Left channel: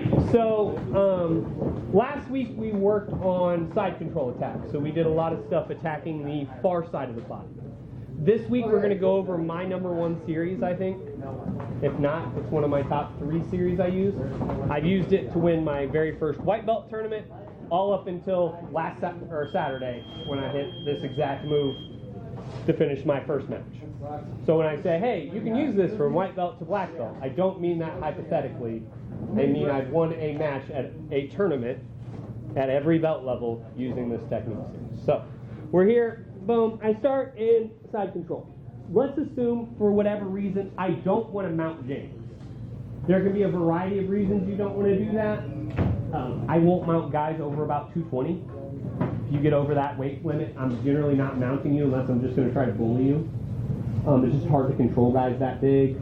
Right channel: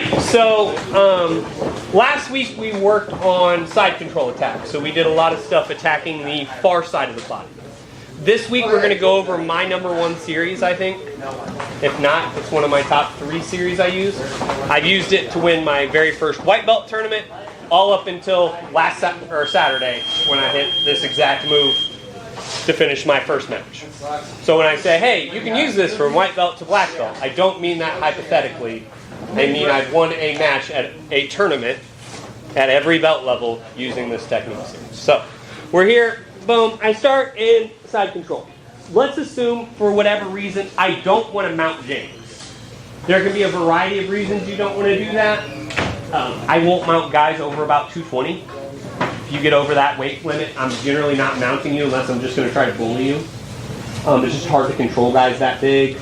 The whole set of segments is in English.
Alrighty, so last week we worked on side control attacks. So we did a lot of stuff attacking the far side of the body. This week we're going to go over my #1 series, I think. If not, it's one of my top 3 series I use. I've used it to win my very first white belt tournament, all up until Saturday when I hit this exact move to finish my first match. So when I say, hey, you can use this from white belt to black belt, I don't mean that hypothetically. I mean I've won a match at a tournament at every belt level using this technique series. So we're here, boom, I start in side control. Let's assume for whatever reason I don't want to mount James. There can be a variety of reasons you don't want to do that. I won't mount guys over about 220. If you get over that weight limit, I'm generally not mounting you unless I'm just going to try to bully you. It's just hard to control guys that big.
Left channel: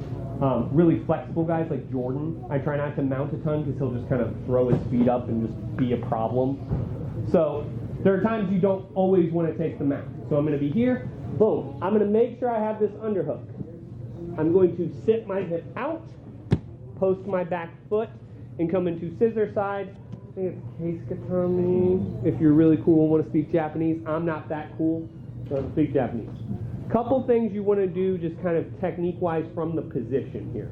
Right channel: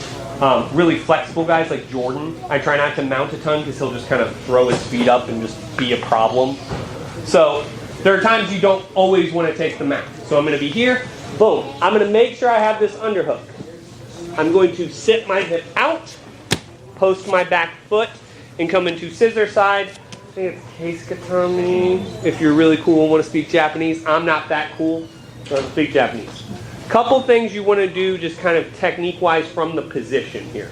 Really flexible guys like Jordan, I try not to mount a ton because he'll just kind of throw his feet up and just be a problem. So there are times you don't always want to take the mount. So I'm going to be here, boom. I'm going to make sure I have this underhook. I'm going to sit my hip out, post my back foot, and come into scissor side. I think it's Keiskatami. If you're really cool and want to speak Japanese, I'm not that cool, so I don't speak Japanese. Couple things you want to do just kind of technique-wise from the position here.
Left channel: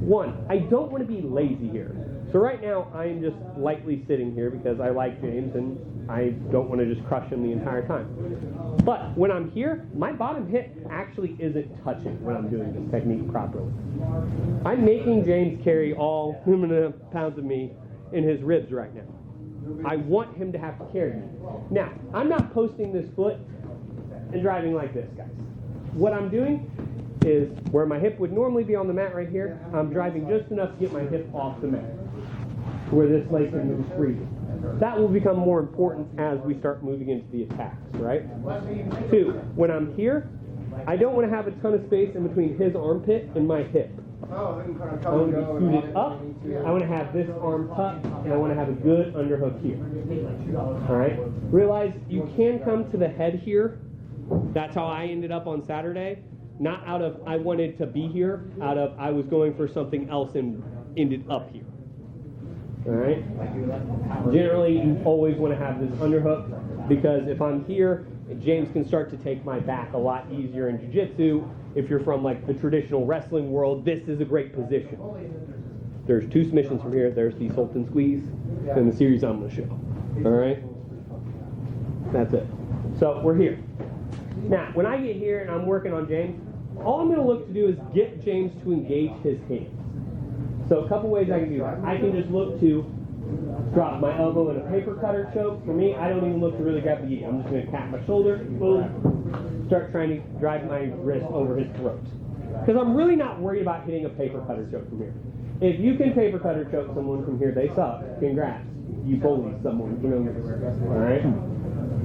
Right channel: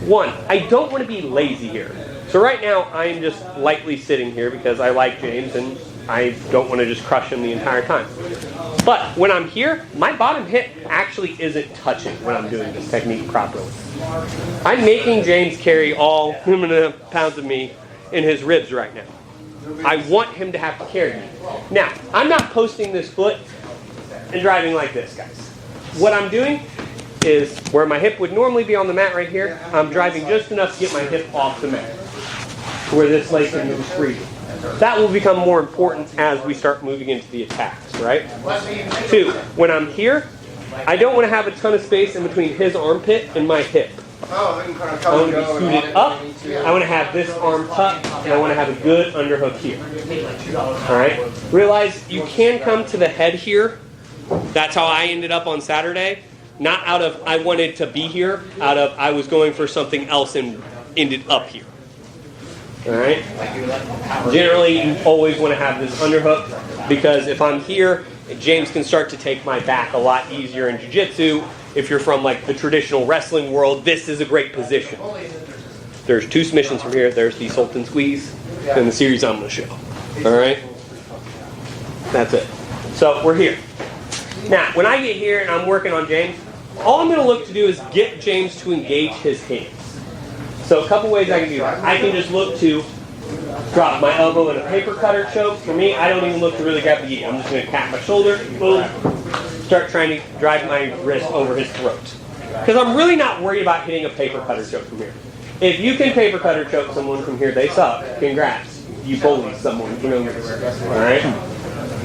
One, I don't want to be lazy here. So right now, I'm just lightly sitting here because I like James and I don't want to just crush him the entire time. But when I'm here, my bottom hip actually isn't touching when I'm doing this technique properly. I'm making James carry all 2.5 pounds of me in his ribs right now. I want him to have to carry me. Now, I'm not posting this foot and driving like this, guys. What I'm doing is where my hip would normally be on the mat right here, I'm driving just enough to get my hip off the mat, where this leg can move freely. That will become more important as we start moving into the attacks, right? 2, when I'm here, I don't want to have a ton of space in between his armpit and my hip. I want to be scooted up, I want to have this arm tucked, and I want to have a good underhook here. Alright? Realize you can come to the head here. That's how I ended up on Saturday. Not out of I wanted to be here, out of I was going for something else and ended up here. Alright? Generally, you always want to have this underhook because if I'm here, James can start to take my back a lot easier in jiu-jitsu. If you're from like the traditional wrestling world, this is a great position. There's 2 submissions from here. There's the Sultan Squeeze and the series I'm going to show. Alright? That's it. So we're here. Now, when I get here and I'm working on James, all I'm going to look to do is get James to engage his hands. So a couple ways I can do that. I can just look to drop my elbow in a paper cutter choke. For me, I don't even look to really grab the gi. I'm just going to tap my shoulder, boom, start trying to drive my wrist over his throat. Because I'm really not worried about hitting a paper cutter choke from here. If you can paper cutter choke someone from here, they suck. Congrats. You bullied someone. You know this. All right?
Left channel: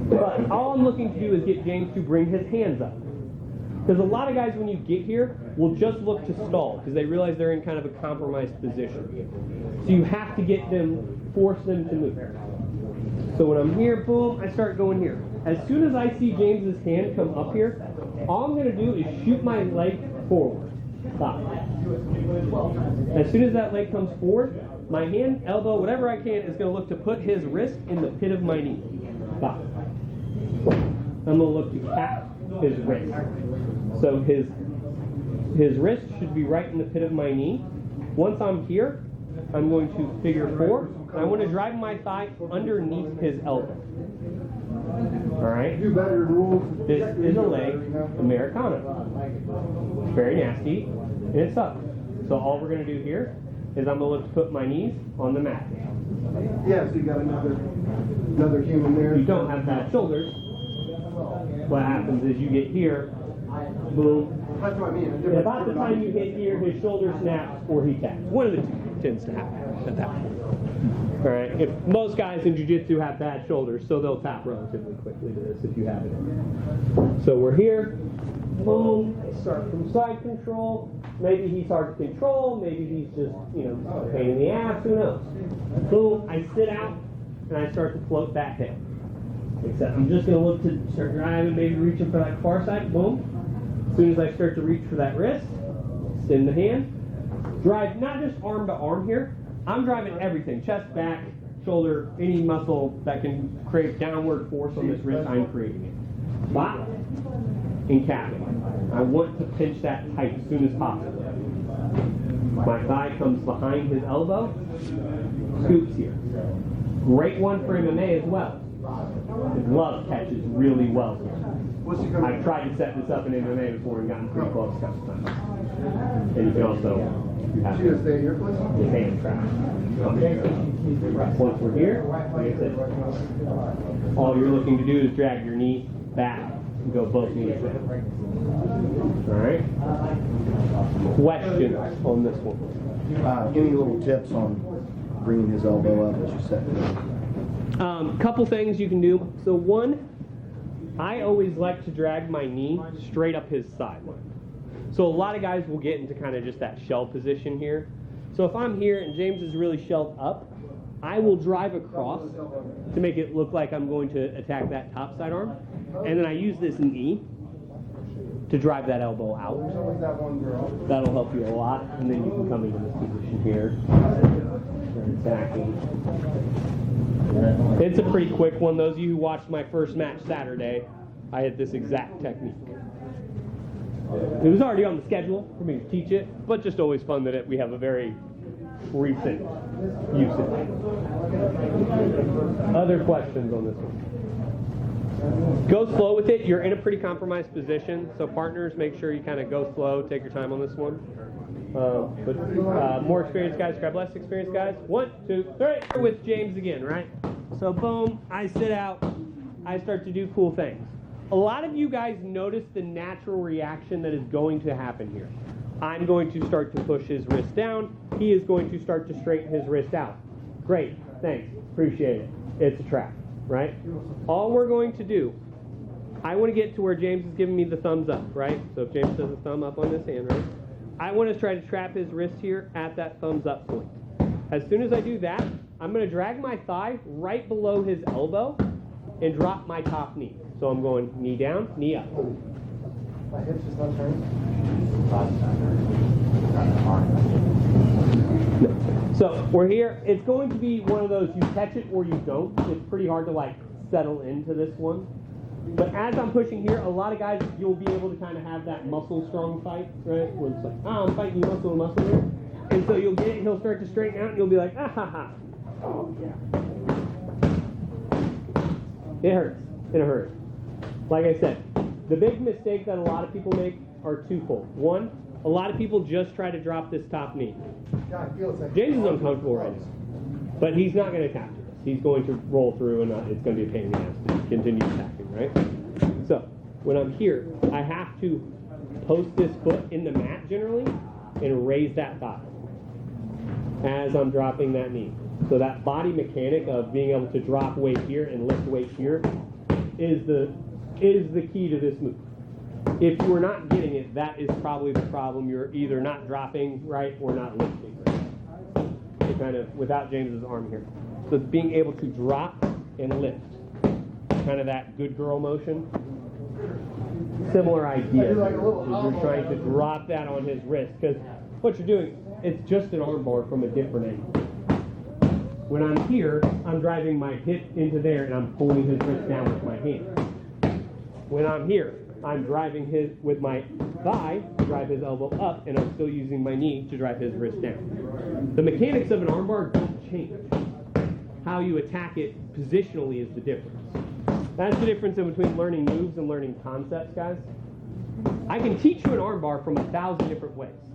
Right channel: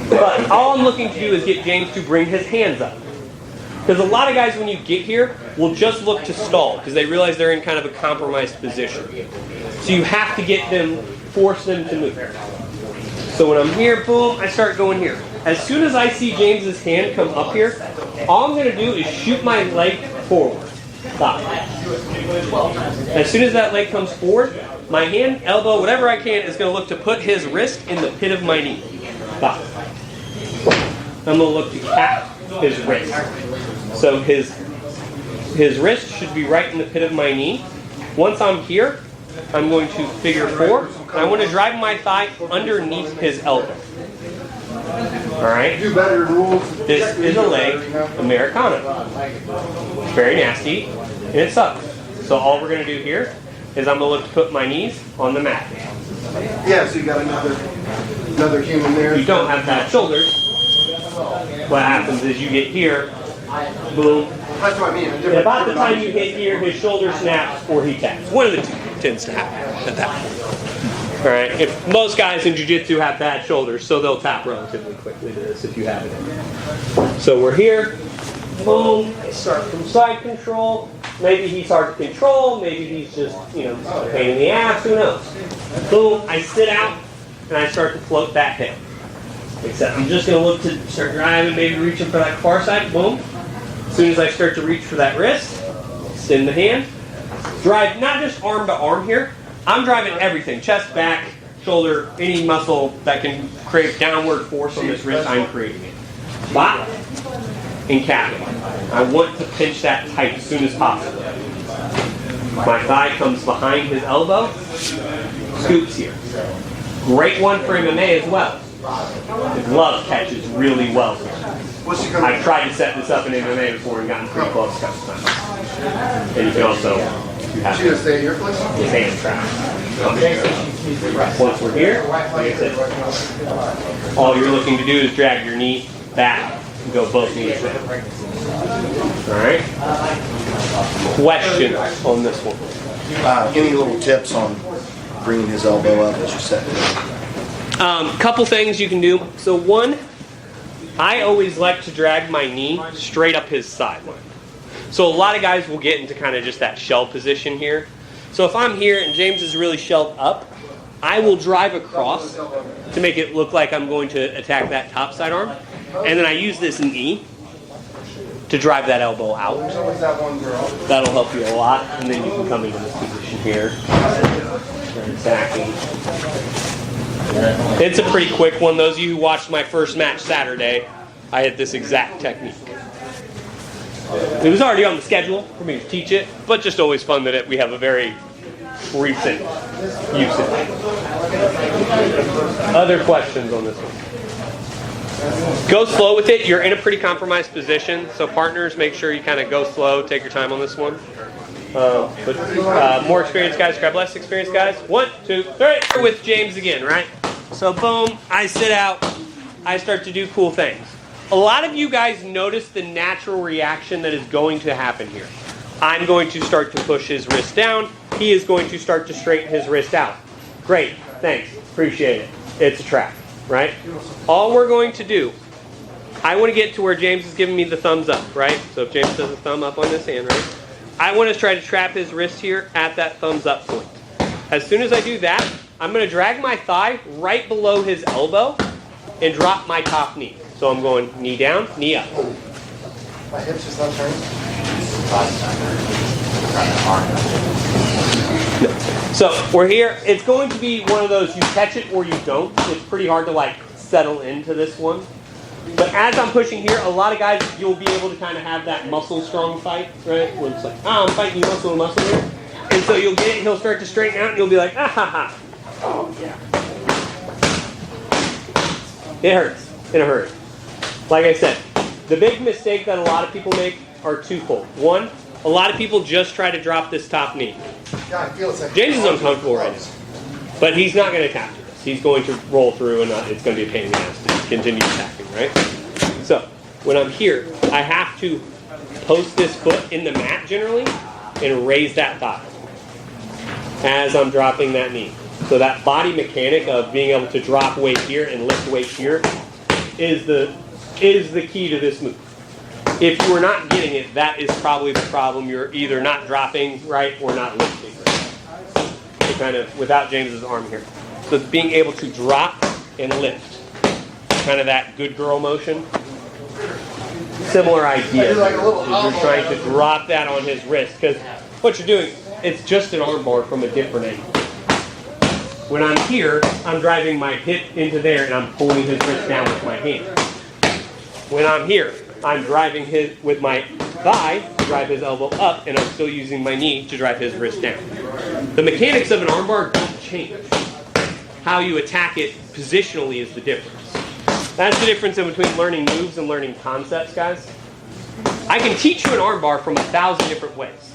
But all I'm looking to do is get James to bring his hands up. Because a lot of guys, when you get here, will just look to stall because they realize they're in kind of a compromised position. So you have to get them, force them to move. So when I'm here, boom, I start going here. As soon as I see James's hand come up here, all I'm going to do is shoot my leg forward. Stop. As soon as that leg comes forward, my hand, elbow, whatever I can, is going to look to put his wrist in the pit of my knee. Stop. I'm going to look to cap his wrist. So his wrist should be right in the pit of my knee. Once I'm here, I'm going to figure 4. And I want to drive my thigh underneath his elbow. Alright? This is a leg Americana. Very nasty, and it sucks. So all we're going to do here is I'm going to look to put my knees on the mat. Yeah, so you got another human there. You don't have bad shoulders. What happens is you get here, boom. That's what I mean. And about the time you get here, his shoulder snaps or he taps. One of the 2 tends to happen at that point. All right. If most guys in jiu-jitsu have bad shoulders, so they'll tap relatively quickly to this if you have it. So we're here. Boom. I start from side control. Maybe he's hard to control. Maybe he's just, a pain in the ass. Who knows? Boom. I sit out and I start to float that hip. Except I'm just going to look to start driving, maybe reaching for that far side. Boom. As soon as I start to reach for that wrist, extend the hand. Drive not just arm to arm here, I'm driving everything, chest, back, shoulder, any muscle that can create downward force on this wrist, I'm creating it. Bot and calf. I want to pinch that tight as soon as possible. My thigh comes behind his elbow, scoops here. Great one for MMA as well. The glove catches really well here. I've tried to set this up in MMA before and gotten pretty close a couple times. And you can also have his hand trap. Once we're here, like I said, all you're looking to do is drag your knee back and go both knees down. All right? Questions on this one? Any little tips on bringing his elbow up as you set it? Couple things you can do. So one, I always like to drag my knee straight up his sideline. So a lot of guys will get into kind of just that shell position here. So if I'm here and James is really shelled up, I will drive across to make it look like I'm going to attack that top side arm. And then I use this knee to drive that elbow out. That'll help you a lot. And then you can come into this position here. Start attacking. It's a pretty quick one. Those of you who watched my first match Saturday, I had this exact technique. It was already on the schedule for me to teach it, but just always fun that we have a very recent usage. Other questions on this one? Go slow with it. You're in a pretty compromised position, so partners, make sure you kind of go slow, take your time on this one. But more experienced guys grab less experienced guys. 1, 2, 3. With James again, right? So boom, I sit out, I start to do cool things. A lot of you guys notice the natural reaction that is going to happen here. I'm going to start to push his wrist down. He is going to start to straighten his wrist out. Great, thanks, appreciate it. It's a trap, right? All we're going to do, I want to get to where James is giving me the thumbs up, right? So if James does a thumb up on this hand, right? I want to try to trap his wrist here at that thumbs up point. As soon as I do that, I'm going to drag my thigh right below his elbow and drop my top knee. So I'm going knee down, knee up. My hips just not turning. No. So we're here. It's going to be one of those you catch it or you don't. It's pretty hard to like settle into this one. But as I'm pushing here, a lot of guys, you'll be able to kind of have that muscle strong fight, right? Where it's like, I'm fighting you muscle to muscle here. And so you'll get it, he'll start to straighten out, and you'll be like, ah ha ha. Oh, yeah. It hurts in a hurry. Like I said, the big mistake that a lot of people make are twofold. One, a lot of people just try to drop this top knee. James is uncomfortable right now, but he's not going to attack this. He's going to roll through, and it's going to be a pain in the ass to continue attacking, right? So when I'm here, I have to post this foot in the mat generally and raise that thigh as I'm dropping that knee. So that body mechanic of being able to drop weight here and lift weight here is the key to this move. If you are not getting it, that is probably the problem. You're either not dropping right or not lifting right. So kind of without James's arm here. So being able to drop and lift. Kind of that good girl motion. Similar idea. You're trying to drop that on his wrist because what you're doing, it's just an arm bar from a different angle. When I'm here, I'm driving my hip into there and I'm pulling his wrist down with my hand. When I'm here, I'm driving his with my thigh to drive his elbow up, and I'm still using my knee to drive his wrist down. The mechanics of an armbar don't change. How you attack it positionally is the difference. That's the difference in between learning moves and learning concepts, guys. I can teach you an armbar from 1,000 different ways.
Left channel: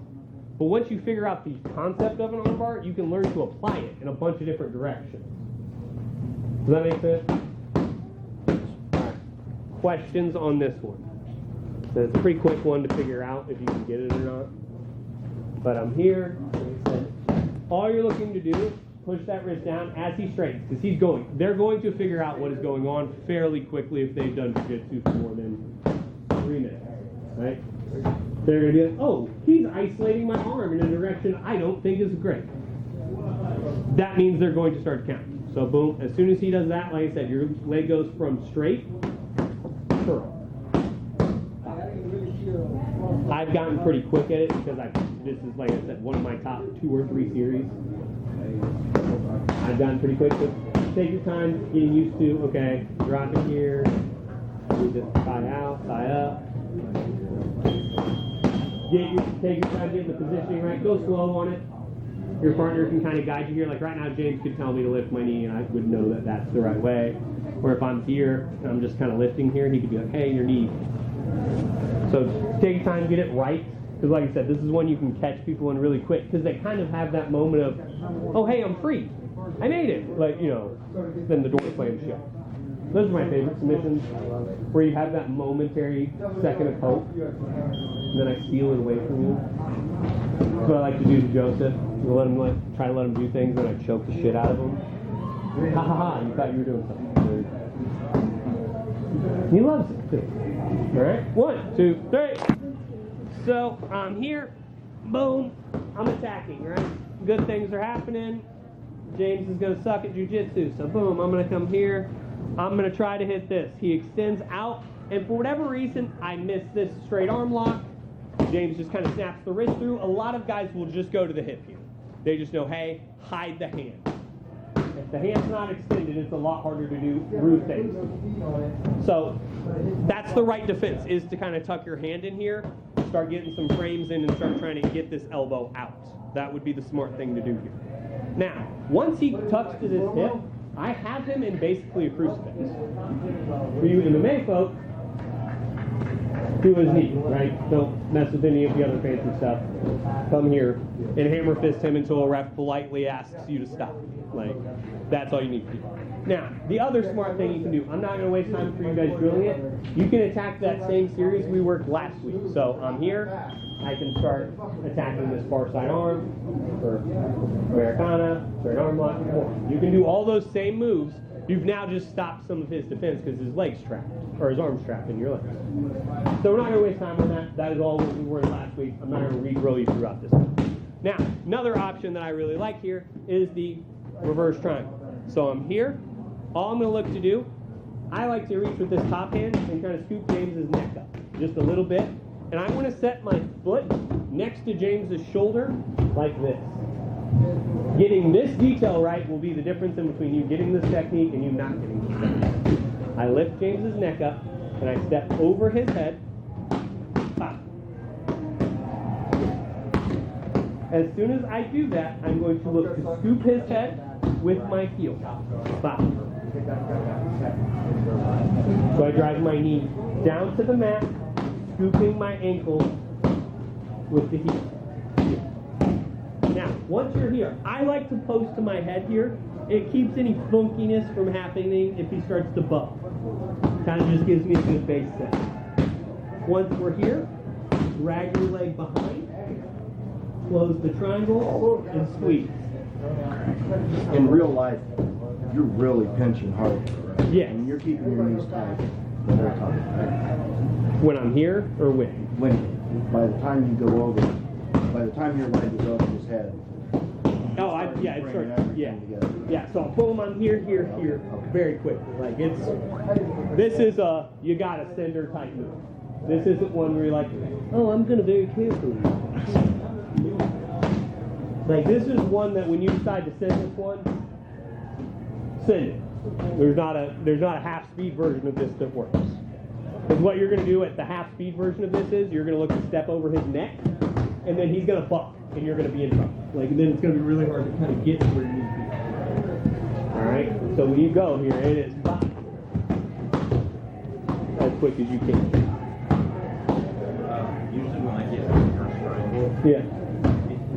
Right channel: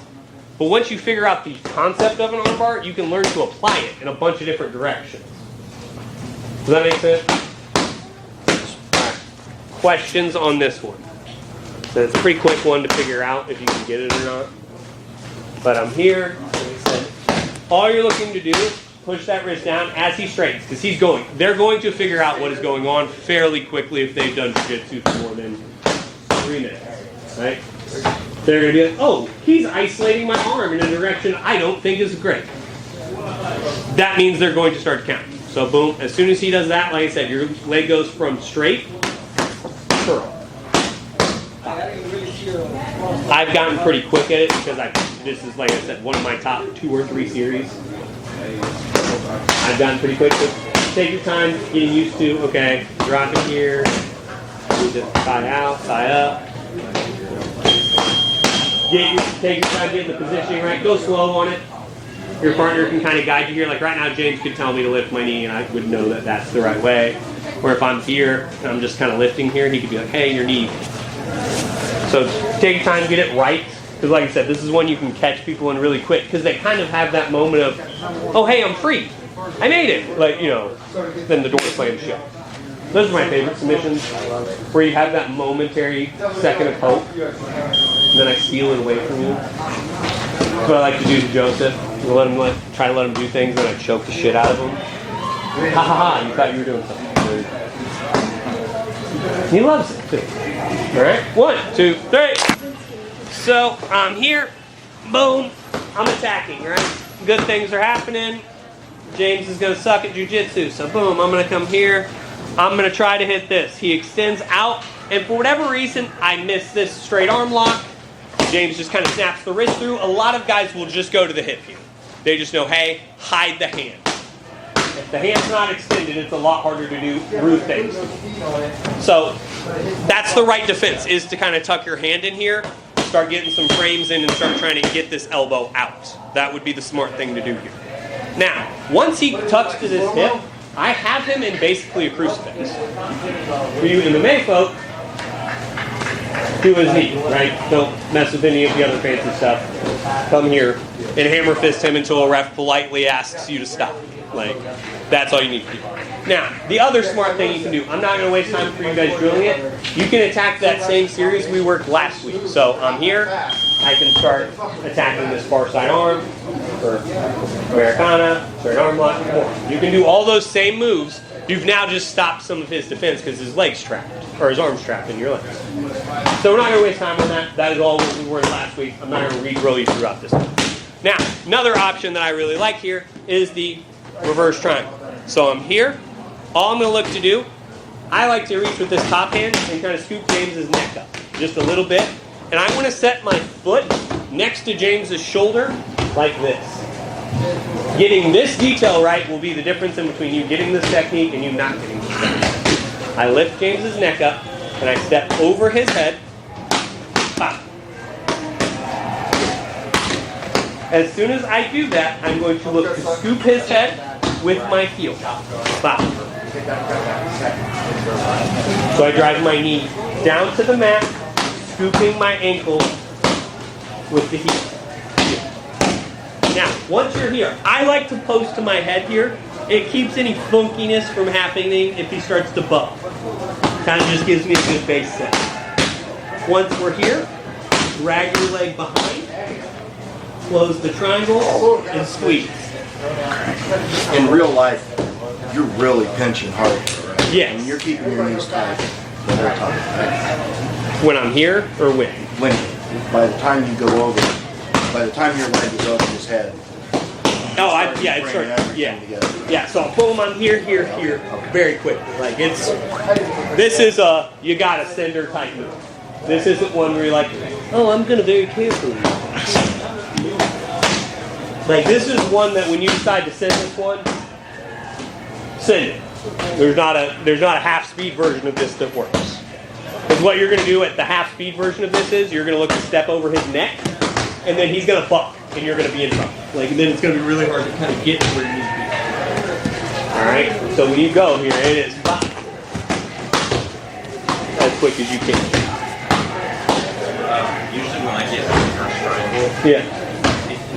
But once you figure out the concept of an armbar, you can learn to apply it in a bunch of different directions. Does that make sense? Questions on this one? So it's a pretty quick one to figure out if you can get it or not. But I'm here, like I said, all you're looking to do is push that wrist down as he straightens, because they're going to figure out what is going on fairly quickly if they've done jiu-jitsu for more than 3 minutes, right? They're going to be like, oh, he's isolating my arm in a direction I don't think is great. That means they're going to start counting. So boom, as soon as he does that, like I said, your leg goes from straight, curl. I've gotten pretty quick at it because this is, like I said, one of my top 2 or 3 series. I've gotten pretty quick, so take your time getting used to, okay, drop it here, need to tie out, tie up. Take your time getting the positioning right, go slow on it. Your partner can kind of guide you here. Like right now, James could tell me to lift my knee and I would know that that's the right way. Or if I'm here and I'm just kind of lifting here, he could be like, hey, your knee. So take your time, get it right. Because like I said, this is one you can catch people in really quick because they kind of have that moment of, oh, hey, I'm free. I made it. Like, you know, then the door slams shut. Those are my favorite submissions, where you have that momentary second of hope, and then I steal it away from you. That's what I like to do to Joseph. Try to let him do things, and I choke the shit out of him. Ha ha ha, you thought you were doing something. He loves it too. All right, 1, 2, 3. So I'm here, boom, I'm attacking, right? Good things are happening. James is gonna suck at jiu-jitsu, so boom, I'm gonna come here. I'm gonna try to hit this. He extends out, and for whatever reason, I miss this straight arm lock. James just kind of snaps the wrist through. A lot of guys will just go to the hip here. They just know, hey, hide the hand. If the hand's not extended, it's a lot harder to do rude things. So that's the right defense, is to kind of tuck your hand in here, start getting some frames in, and start trying to get this elbow out. That would be the smart thing to do here. Now, once he tucks to this hip, I have him in basically a crucifix. For you MMA folk, do his knee, right? Don't mess with any of the other fancy stuff. Come here and hammer fist him until a ref politely asks you to stop. Like, that's all you need to do. Now, the other smart thing you can do, I'm not going to waste time for you guys drilling it. You can attack that same series we worked last week. So I'm here. I can start attacking this far side arm for Americana, straight arm lock, more. You can do all those same moves. You've now just stopped some of his defense because his leg's trapped, or his arm's trapped in your legs. So we're not going to waste time on that. That is all what we were last week. I'm not going to re-drill you throughout this one. Now, another option that I really like here is the reverse triangle. So I'm here. All I'm going to look to do, I like to reach with this top hand and kind of scoop James's neck up just a little bit. And I want to set my foot next to James's shoulder like this. Getting this detail right will be the difference in between you getting this technique and you not getting this technique. I lift James's neck up and I step over his head. Pop. As soon as I do that, I'm going to look to scoop his head with my heel. Pop. So I drive my knee down to the mat, scooping my ankle with the heel. Now, once you're here, I like to post to my head here. It keeps any funkiness from happening if he starts to bump. Kind of just gives me a good base set. Once we're here, drag your leg behind, close the triangle, and squeeze. In real life, you're really pinching hard. Yes. And you're keeping your knees tight when they're tight. When I'm here or when? When, by the time you go over, by the time your leg is over his head. Oh, it starts, yeah. So I'll pull him on here, here, here, very quickly. Like this is a you gotta send her type move. This isn't one where you're like, oh, I'm gonna very carefully. Like this is one that when you decide to send this one, send it. There's not a half speed version of this that works. Because what you're gonna do at the half speed version of this is you're gonna look to step over his neck, and then he's gonna buck, and you're gonna be in trouble. Like, and then it's gonna be really hard to kind of get to where you need to be. All right. So when you go here, it is buck as quick as you can. Usually when I get the first triangle, Yeah.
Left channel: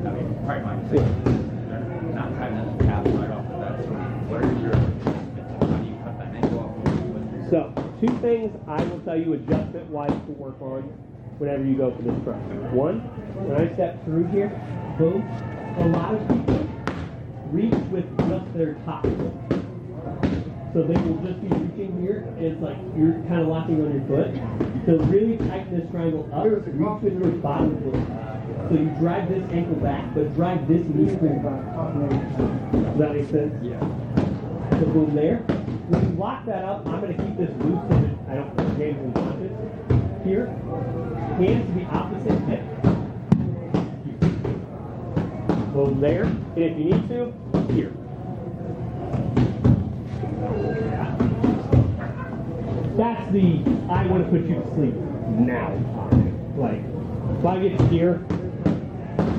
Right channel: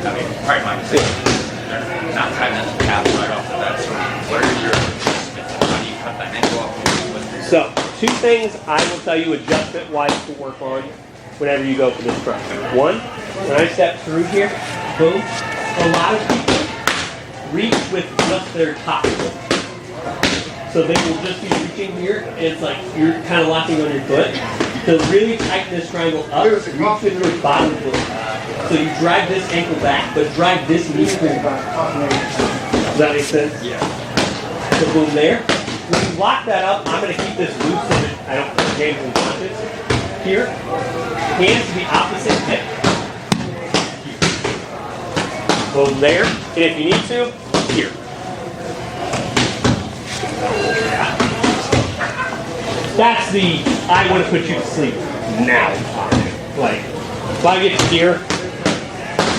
I mean, probably my mistake. They're not timing that calf right off the bat. So what are your how do you cut that ankle off? So 2 things I will tell you adjustment-wise to work on whenever you go for this try. 1, when I step through here, boom. A lot of people reach with just their top foot. So they will just be reaching here, and it's like you're kind of locking on your foot. To really tighten this triangle up, reach with your bottom foot. So you drag this ankle back, but drag this knee forward. Does that make sense? Yeah. So boom there. When you lock that up, I'm going to keep this loose so that I don't put James unconscious. Here, hands to the opposite hip. Boom there. And if you need to, here. That's the I want to put you to sleep now. Like, if I get to here,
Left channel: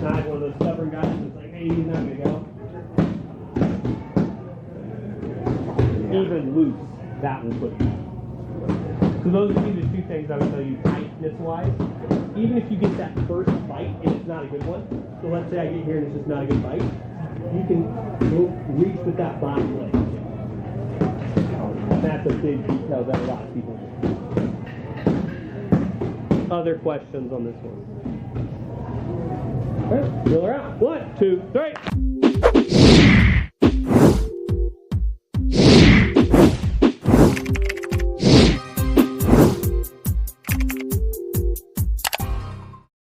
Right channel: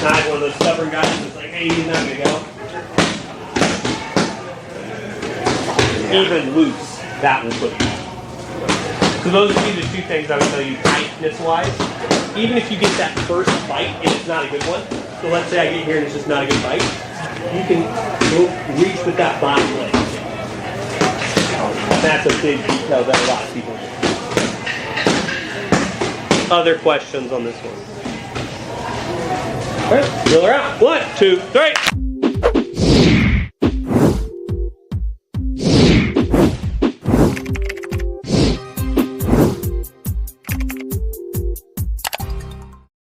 I'm one of those stubborn guys that's like, hey, he's not gonna go. Even loose, that will put you. So those would be the two things I would tell you tightness-wise. Even if you get that first bite and it's not a good one, so let's say I get here and it's just not a good bite, you can go reach with that bottom leg. That's a big detail that a lot of people do. Other questions on this one? All right, drill her out. 1, 2, 3.